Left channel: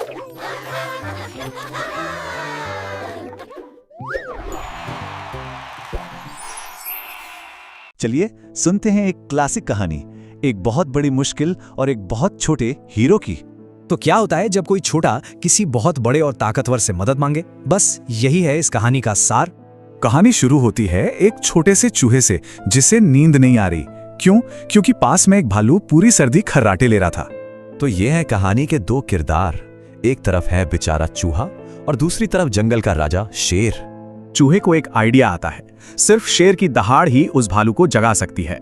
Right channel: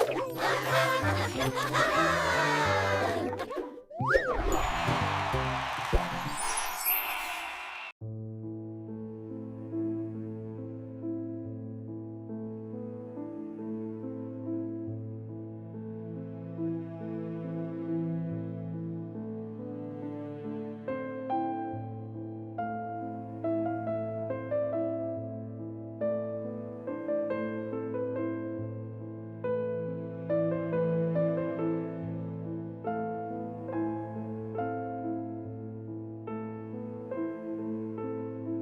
चलिए सुनते हैं एक क्लासिक कहानी, एक बहुत बड़ी मुश्किल और एक बहुत छोटे हीरो की। तो क्या होता है जब कोई छोटा किसी बहुत बड़े और ताकतवर से मदद मांगे? बस यही है इस कहानी का सार। कहानी शुरू होती है एक छोटे से चूहे से जिसे नींद नहीं आ रही। क्यों? क्योंकि पास में एक भालू पूरी सर्दी खर्राटे ले रहा था। तो ये है कहानी के दो किरदार। एक तरफ है बेचारा चूहा और दूसरी तरफ जंगल का राजा शेर। चूहे को एक आइडिया आता है, सिर्फ शेर की दहाड़ ही उस भालू को जगा सकती है।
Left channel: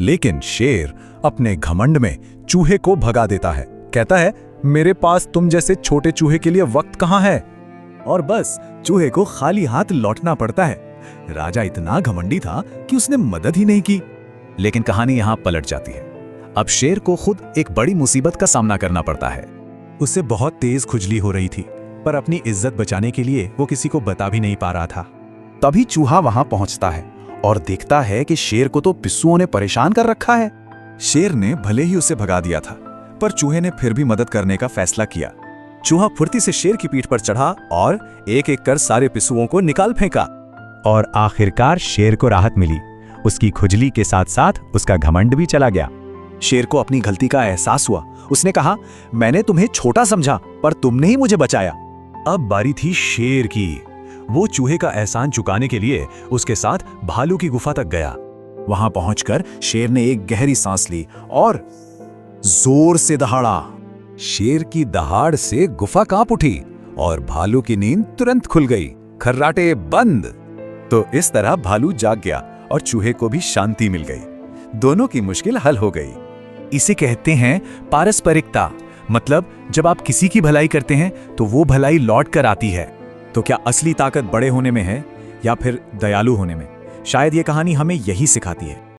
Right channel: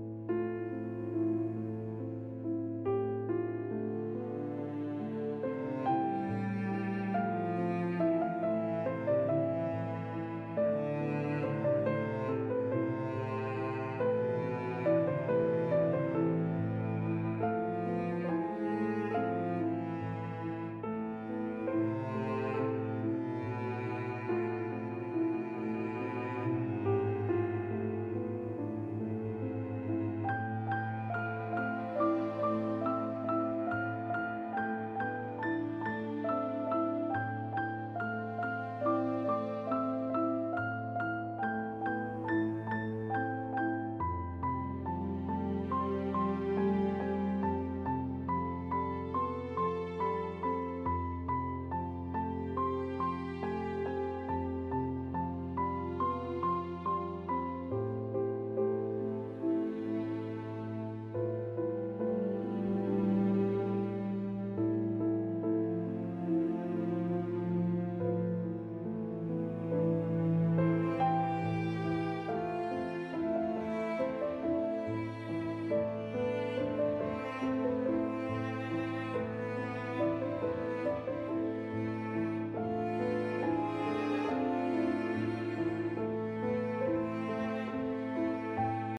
लेकिन शेर अपने घमंड में चूहे को भगा देता है। कहता है, मेरे पास तुम जैसे छोटे चूहे के लिए वक्त कहाँ है? और बस चूहे को खाली हाथ लौटना पड़ता है। राजा इतना घमंडी था कि उसने मदद ही नहीं की। लेकिन कहानी यहाँ पलट जाती है। अब शेर को खुद एक बड़ी मुसीबत का सामना करना पड़ता है। उसे बहुत तेज खुजली हो रही थी, पर अपनी इज्जत बचाने के लिए वो किसी को बता भी नहीं पा रहा था। तभी चूहा वहां पहुंचता है और देखता है कि शेर को तो पिस्सुओं ने परेशान कर रखा है। शेर ने भले ही उसे भगा दिया था, पर चूहे ने फिर भी मदद करने का फैसला किया। चूहा फुर्ती से शेर की पीठ पर चढ़ा और एक एक कर सारे पिस्सुओं को निकाल फेंका। और आखिरकार शेर को राहत मिली। उसकी खुजली के साथ साथ उसका घमंड भी चला गया। शेर को अपनी गलती का एहसास हुआ। उसने कहा, मैंने तुम्हें छोटा समझा, पर तुमने ही मुझे बचाया। अब बारी थी शेर की। वो चूहे का एहसान चुकाने के लिए उसके साथ भालू की गुफा तक गया। वहां पहुंचकर शेर ने एक गहरी सांस ली और जोर से दहाड़ा। शेर की दहाड़ से गुफा कांप उठी और भालू की नींद तुरंत खुल गई। खर्राटे बंद। तो इस तरह भालू जाग गया और चूहे को भी शांति मिल गई। दोनों की मुश्किल हल हो गई। इसे कहते हैं पारस्परिकता। मतलब जब आप किसी की भलाई करते हैं तो वो भलाई लौट कर आती है। तो क्या असली ताकत बड़े होने में है या फिर दयालु होने में? शायद ये कहानी हमें यही सिखाती है।